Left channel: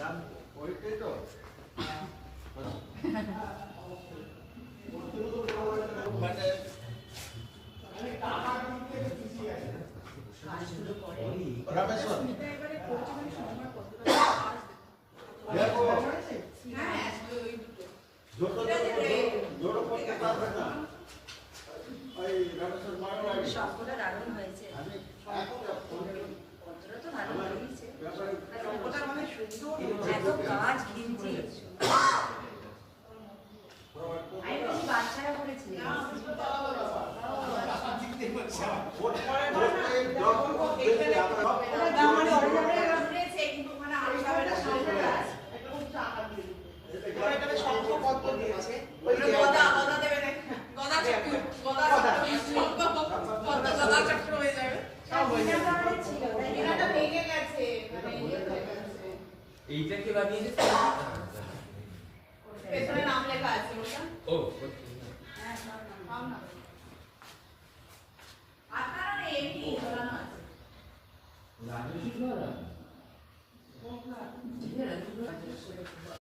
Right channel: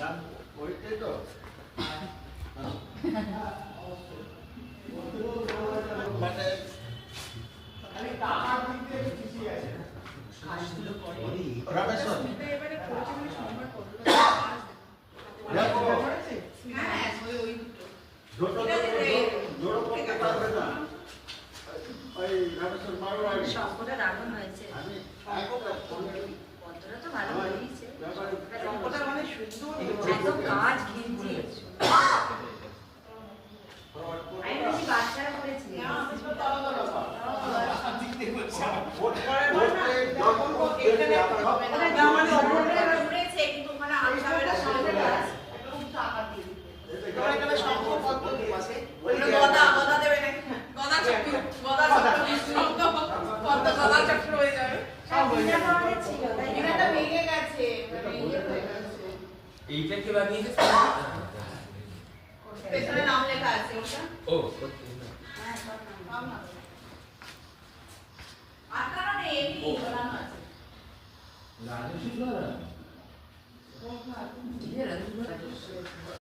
ওইটাই তো মানে রামেশ্বর দেখো জোড়ো করতে পারবে না ওই রামেশ্বর মারো আগে সবটা দারুণ হয়েছে পত্রটা তো ভালো হয়েছে সবটা মানে সুন্দর এত কাজ ঘিরছে আমি বলছি বাচ্চারা করেছে এইটা কি বানিয়েছে পেছনে নাম লেখা আছে ওটা ও হ্যাঁ সব নাম আর কারণে এমনি নাম আছে রাজস্বী